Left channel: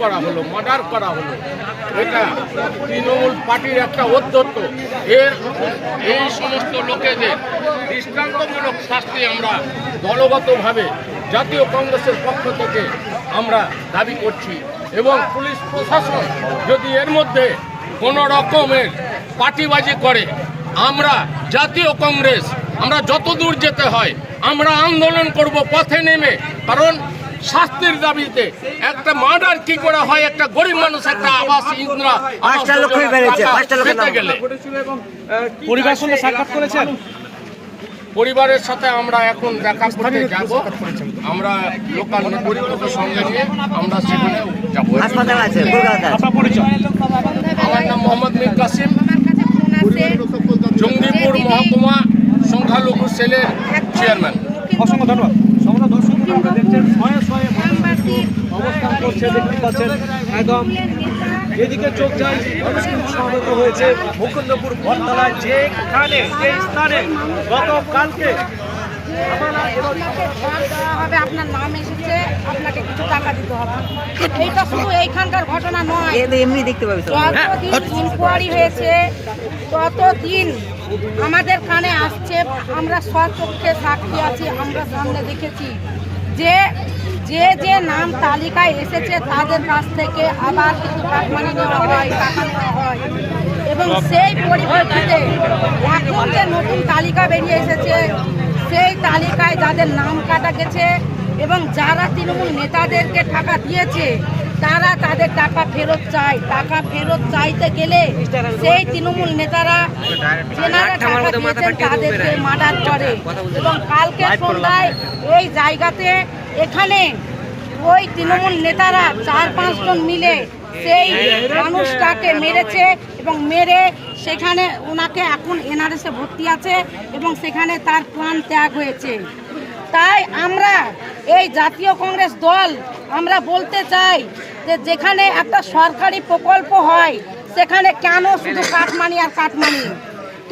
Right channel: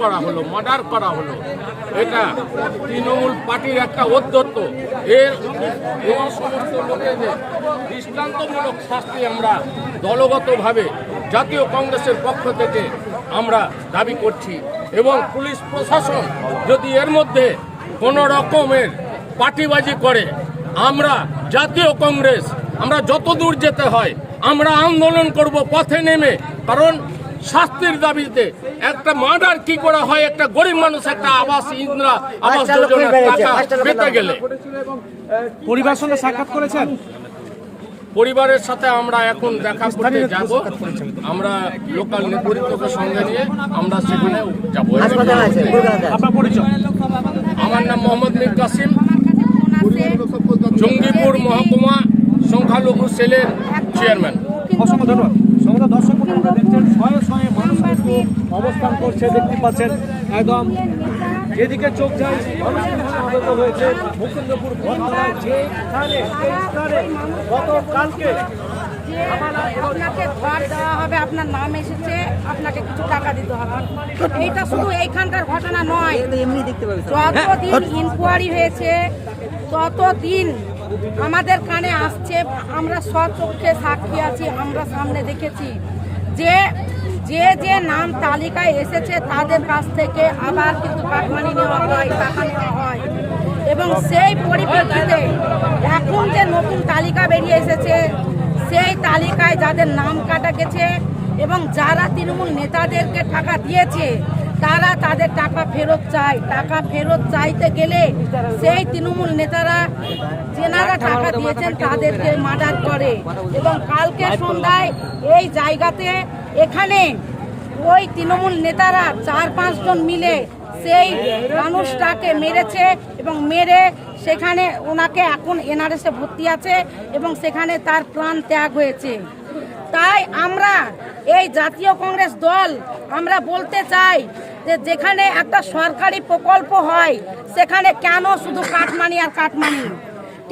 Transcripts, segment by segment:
করা হলো, মার্ডার করা হলো, এটা তৃণমূল পার্টির একটা ঔদ্ধত্য। এই সমস্ত লোকেদের দৃষ্টান্তমূলক শাস্তি আমরা দলগতভাবে জাতীয় কংগ্রেসের পক্ষ থেকে আমরা দাবি করছি। এবং পুলিশ প্রশাসন যদি এর মধ্যে কোনো রকমের পার্টিবাজি করে, আমরা জাতীয় কংগ্রেস আমরা যত দূর যেতে হয় আমরা আন্দোলন করব পথে নেমে। কারণ শাস্তির দাবিতে একটা মার্ডার কি করে হয়, একটা গরিব মানুষ একটা আবাস ইন্দিরা আবাস পেতে গেলে পরিবারের সঙ্গে সাক্ষাৎ করেছেন? পরিবারের সাথে আমরা এখন দেখা করতে যাব। আমরা লোকাল নেতৃত্বকে সঙ্গে নিয়ে আমরা সেখানে যাব। আমার নাম মোহাম্মদ মীর কাসিম, জঙ্গিপুর মহকুমা সংখ্যালঘু সেলের চেয়ারম্যান। অসংখ্য ধন্যবাদ। সমস্ত দর্শক আপনারা দেখছেন শয়ে শয়ে মানুষ কিন্তু অবস্থান করছে, দেখতে পাচ্ছেন একদম এদিকে চোখ যায়। মানুষ কিন্তু সমবেত হয়েছে মুকুন্দপুর বটতলায়, যেখানে যে স্থানে গতকালকে আপনাকে ঘর দেওয়া হবে, আপনার নাম এসেছে, আপনাকে কিছু টাকা দিতে হবে। এইটা শুধু এইখানকার ঘটনা নয়, এমনি দেখতে পাবে। যতদিন ইনকোয়ারি হয়েছে ততদিন আমাদের কানে আসছে, আমরা স্বচক্ষে সাক্ষী আছি, আমরা সামনে দেখেছি যে যে যে নাম তালিকায় এসেছে তাদের কাছ থেকে আবার কিছু কাটমানি নেওয়া হয়, টাকা নেওয়া হয়। এবং সেই পরিপ্রেক্ষিতে এখন যে নতুন তালিকা বেরিয়ে এসেছে, সেই তালিকায় যাদের নাম কাটা গেছে এবং যারা তৃণমূল নেতাদেরকে টাকা দিয়েছে তারা তাদের টাকা ফেরত চায়। টাকা ফেরত চাইতে গেলে সেই তৃণমূল নেতারা যেনারা টাকা দিয়েছেন তাদেরকে মার্ডার করে। এবং কালকে সন্ধ্যায় এই জায়গাতে এখানে ওই তৃণমূল নেতারা 4-5 জন মিলে সেই মানুষটাকে মেরেছে এবং মেরে সেখানে ওনাকে এখন এনআরএসে ভর্তি আছে এবং সেখানে তার প্রাণ ত্যাগ হয়েছে। তাই আমরা এই জাতীয় কংগ্রেস দল আমরা বলতে চাই যে যেখানে একটা সরকারি প্রকল্প হয় সেখানে কেন শুধু কাটমানি আর কাটমানি,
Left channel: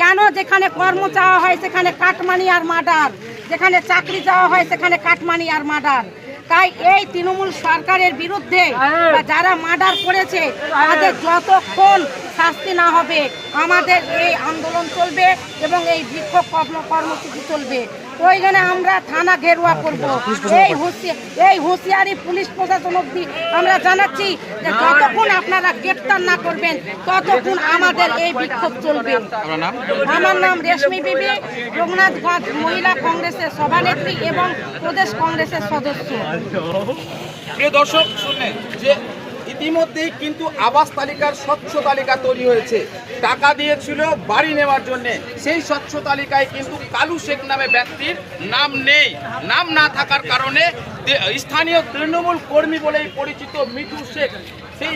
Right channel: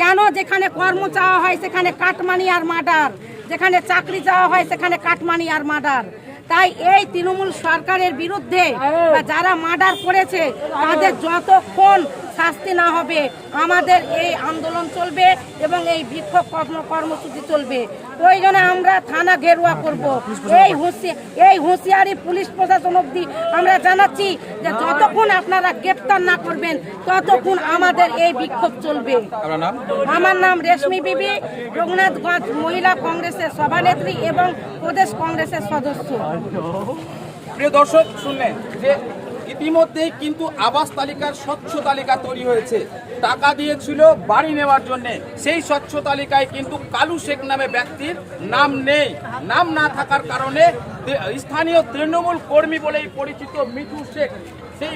কেন যেখানে কর্ম চাওয়া হয় সেখানে কাটমানি আর মার্ডার, যেখানে চাকরি চাওয়া হয় সেখানে কাটমানি আর মার্ডার। তাই এই তৃণমূল সরকারের বিরুদ্ধে যারা মার্ডার করেছে তাদের যতক্ষণ শাস্তি না হবে আমাদের এই আন্দোলন চলবে এবং এই বিক্ষোভ কর্মসূচি চলবে। প্রয়োজনে আমরা থানা ঘেরুয়া করব। এই হুঁশিয়ারি পুলিশ প্রশাসন অবধি আমরা জানাচ্ছি যে যতক্ষণ আপনারা গ্রেপ্তার না করবেন ততক্ষণ আমাদের এই বিক্ষোভ চলবে। আমার নাম রেশমি বিবি, রঘুনাথগঞ্জ মহিলা কংগ্রেসের সভানেত্রী এবং প্রদেশ কংগ্রেসের সদস্য। প্রিয় দর্শক, শুনলেন যে ইতিমধ্যেই কিন্তু আবাস তালিকার স্বচ্ছ তালিকা তৈরি হয়েছে। টাকা দিয়েছিল বাড়ি নেওয়ার জন্য, সেই স্বচ্ছ তালিকায় কিন্তু কালু শেখ নামে ব্যক্তির নাম নেই। নাম না থাকার কারণে স্থানীয় তৃণমূল কর্মী বলেই পরিচিত মিঠু শেখ সেই